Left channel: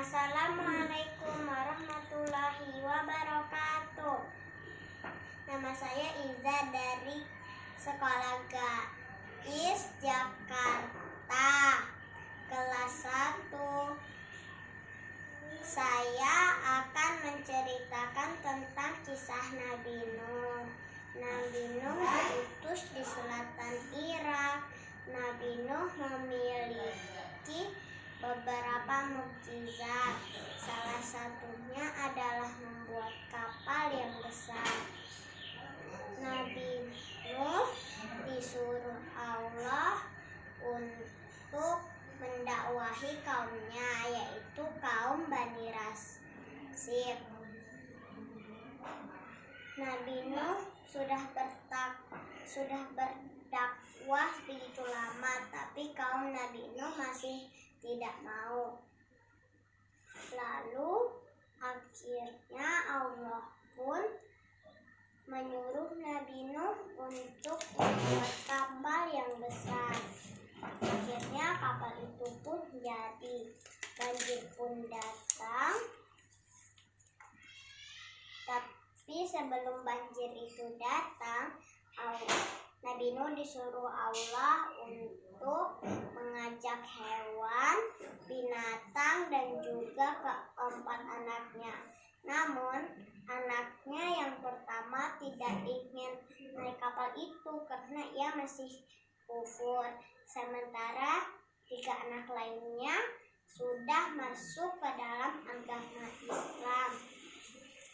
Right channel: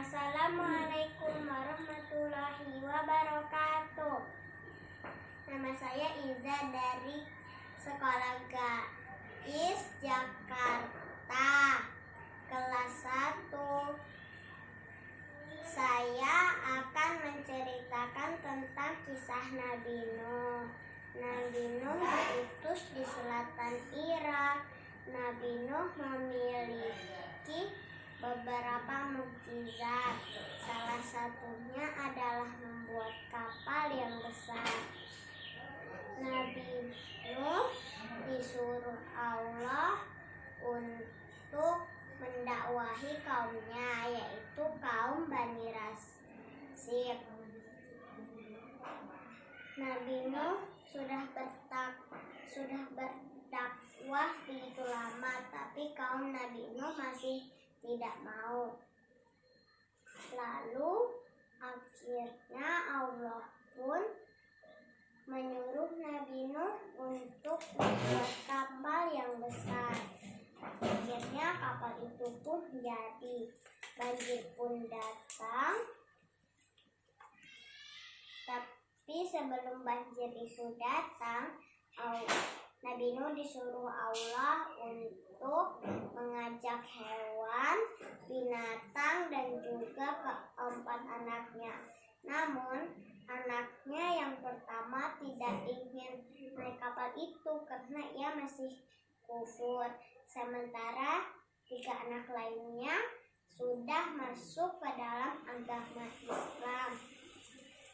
Assalamualaikum warahmatullahi wabarakatuh. Nama saya Iza dari Sekolah Gais Jakarta, kelas 1. Saya akan menceritakan tentang kisah Nabi Nuh. Nabi Nuh diutus di selatan Irak. Nabi Nuh memiliki beberapa mukjizat. Salah satunya adalah membuat kapal yang besar. Nabi Nuh disuruh Allah untuk mendakwahi kaumnya, yaitu kaum Bani Rasib. Nabi Nuh sudah berdakwah begitu lama, tapi kaum Nabi Nuh masih tidak mau. Lalu akhirnya Allah pun menyuruh Nabi Nuh untuk membuat kapal yang besar. Akhirnya kapal itu pun jadi. Banjir pun datang. Tapi sebelum banjir itu datang, Nabi Nuh disuruh Allah untuk mengajak hewan, binatang, dan juga keempat anaknya. Namun anaknya yang pertama tidak ingin naik kapal itu karena ia masih kufur. Sementara 3 anak lainnya sudah masuk ke dalam agama Islam.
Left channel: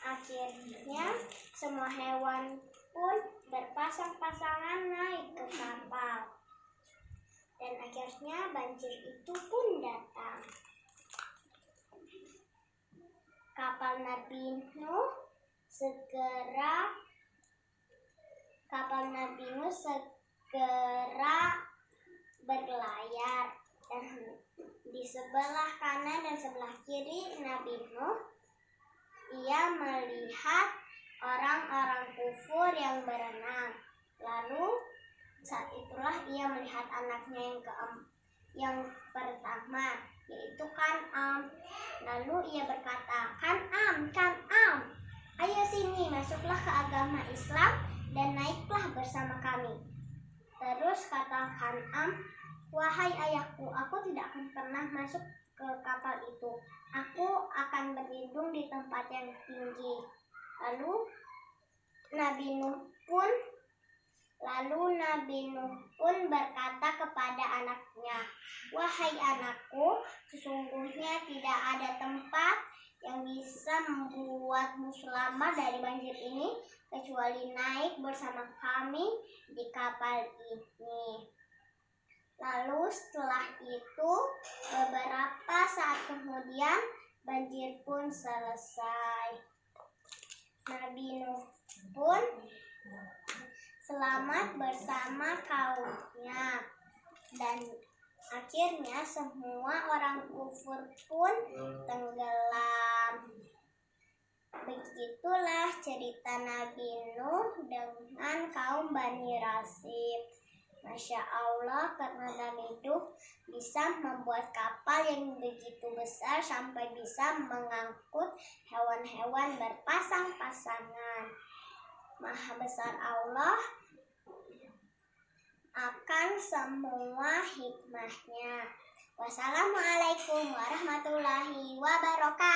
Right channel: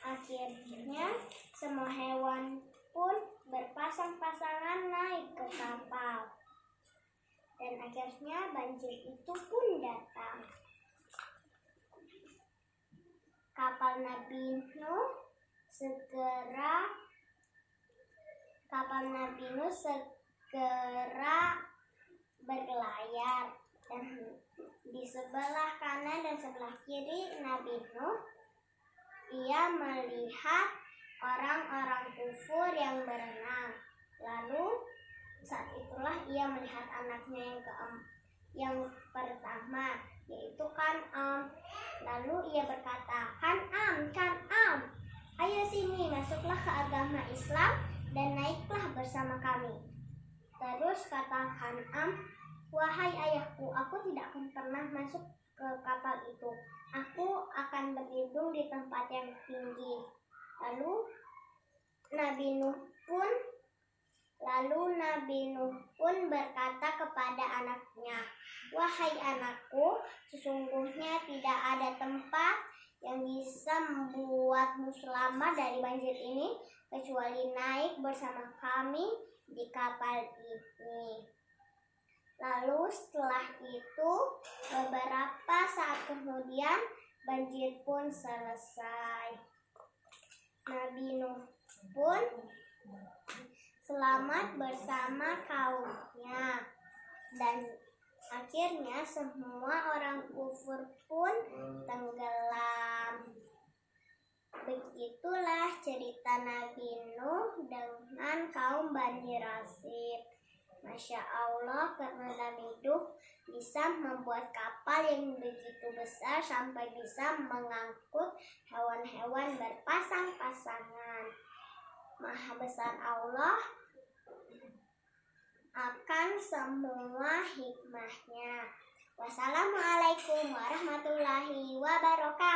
Akhirnya semua hewan pun berpasang-pasangan naik ke kapal. Dan akhirnya banjir itu pun datang. Kapal Nabi Nuh segera berlayar, dan di sebelah kanan dan sebelah kiri Nabi Nuh ia melihat orang-orang kufur yang berenang. Lalu saat itulah ia melihat anaknya yang pertama, yaitu Kan'am. Lalu ia berkata, Kan'am, ayo sini, masuklah ke agama Islam dan naiklah bersama kami. Terus kata Kan'am, wahai ayahku, aku tidak akan pernah masuk ke kapal itu. Aku akan berlindung di tempat yang tinggi. Lalu Nabi Nuh pun berkata kepada anaknya, wahai anakku, sesungguhnya tidak ada tempat yang bisa membuatmu selamat dari banjir ini kecuali naik bersama kami di kapal ini. Lalu setelah itu beberapa saat kemudian banjir pun selesai. Nabi Nuh pun selamat bersama kaumnya, dan akhirnya semua orang kufur pun tenggelam. Begitulah cerita Nabi Nuh dengan kaum Bani Rasib. Masya Allah, karena Nabi Nuh bisa membuat kapal yang begitu besar sampai bisa mengangkut hewan-hewan berpasang-pasangan. Maha besar Allah akan semua hikmahnya. Wassalamualaikum warahmatullahi wabarakatuh.